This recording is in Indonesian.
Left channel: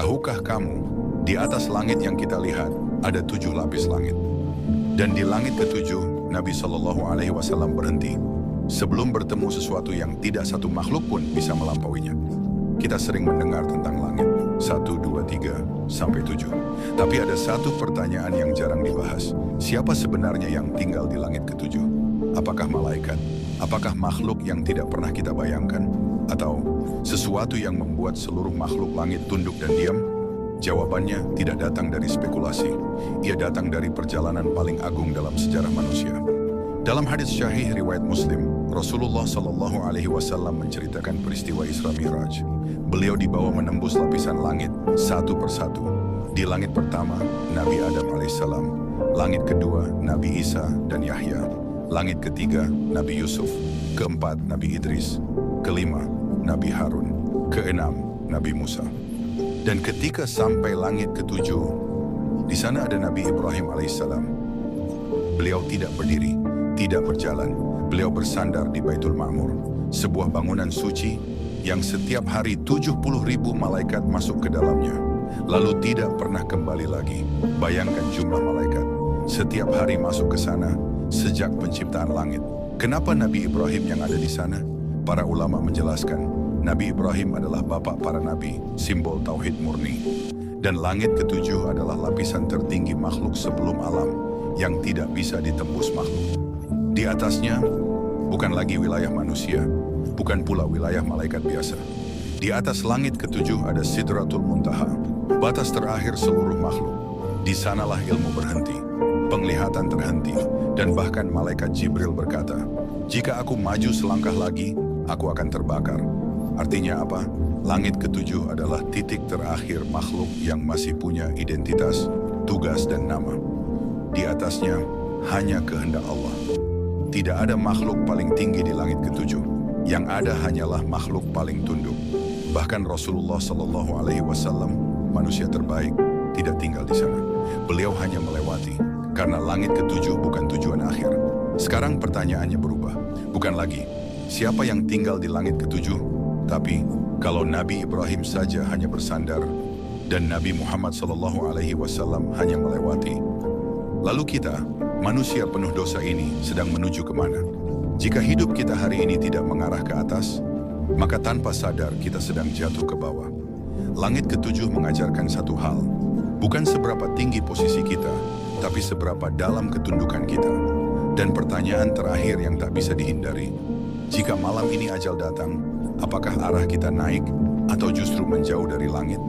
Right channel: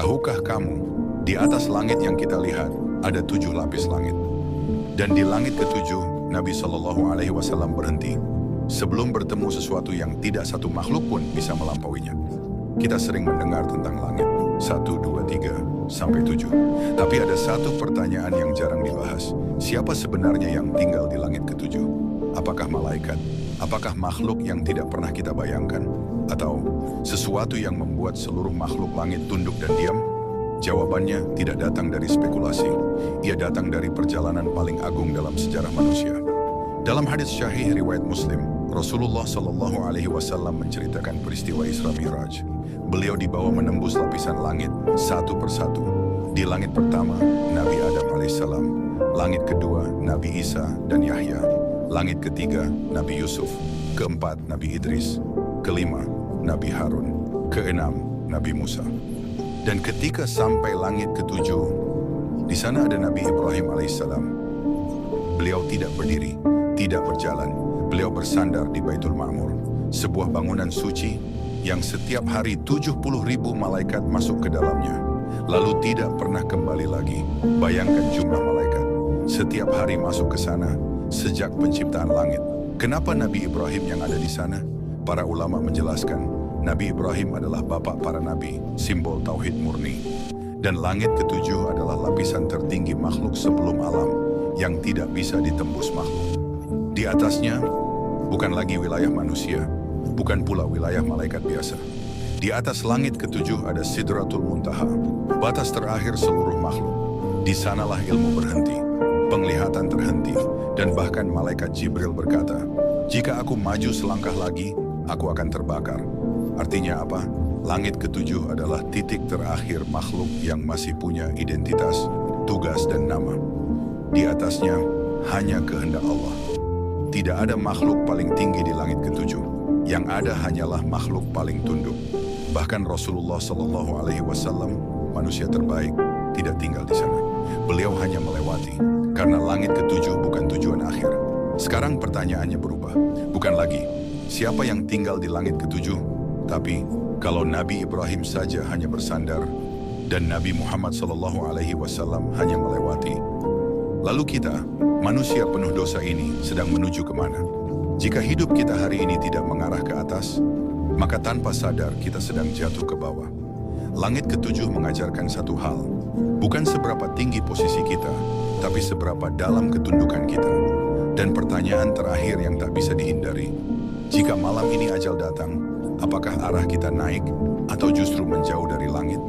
Tahukah kamu, di atas langit yang kita lihat, ada 7 lapis langit. Dan di langit ke-7, Nabi SAW berhenti, sebelum bertemu sesuatu yang tidak satu makhluk pun bisa melampauinya. Kita sering mendengar tentang langit, 1, 2, 3, sampai 7. Tapi ada satu pertanyaan yang jarang dibahas. Siapa sebenarnya yang tinggal di langit ke-7? Apakah malaikat? Apakah makhluk yang tidak pernah kita bayangkan? Atau sesuatu yang membuat seluruh makhluk langit tunduk dan diam? Jawabannya tidak datang dari spekulasi. Ia datang dari perjalanan paling agung dalam sejarah manusia. Dalam hadits syahih riwayat Muslim, Rasulullah SAW menceritakan peristiwa Isra Mi'raj. Beliau dibawa menembus lapisan langit satu persatu. Di langit pertama, Nabi Adam alaihissalam. Langit kedua, Nabi Isa dan Yahya. Langit ketiga, Nabi Yusuf. Keempat, Nabi Idris. Kelima, Nabi Harun. Keenam, Nabi Musa. Dan ketika sampai langit ke-7, di sana ada Nabi Ibrahim alaihissalam. Beliau tidak berdiri, tidak berjalan. Beliau bersandar di Baitul Ma'mur, sebuah bangunan suci yang setiap hari 70.000 malaikat masuk ke dalamnya, lalu tidak pernah kembali lagi. Bayangkan jumlah malaikat setiap hari masuk ke sana sejak penciptaan langit. Kenapa Nabi Ibrahim yang ada di sana? Para ulama menjelaskan, Nabi Ibrahim adalah bapak para nabi, simbol tauhid murni. Dan langit ke-7 adalah lapisan tertinggi makhluk sebelum alam yang tidak bisa ditembus makhluk. Di atasnya bukan lagi wilayah manusia, bukan pula wilayah malaikat biasa. Di atas langit ke-7 ada Sidratul Muntaha, batas terakhir seluruh makhluk. Di sanalah ilmu berhenti, penglihatan terhenti, dan bahkan malaikat Jibril berkata, "Jika aku maju selangkah lagi, aku akan terbakar." Artinya apa? Langit ke-7 adalah titik terakhir makhluk yang masih punya identitas, tugas, dan nama. Di atasnya hanya kehendak Allah. Tidak ada makhluk paling tinggi di langit ke-7. Yang ada hanyalah makhluk paling tunduk. Bahkan Rasulullah SAW, manusia terbaik, tidak tinggal di sana. Beliau hanya melewati, karena langit ke-7 bukan tujuan akhir. Sekarang pertanyaannya berubah. Bukan lagi, siapa yang tinggal di langit ke-7? Tapi, kalau Nabi Ibrahim saja hanya bersandar, dan Nabi Muhammad SAW hanya melewati, lalu kita, manusia penuh dosa ini, sedang menuju kemana? Jika hidup kita hari ini tidak mengarah ke atas, maka tanpa sadar kita sedang jatuh ke bawah. Langit ke-7 mengajarkan satu hal, bukan seberapa tinggi posisi kita, tapi seberapa dalam ketundukan kita. Dan pertanyaan terakhir yang tak bisa dihindari, jika malam ini ajal datang, apakah arah kita naik atau justru menjauh dari langit?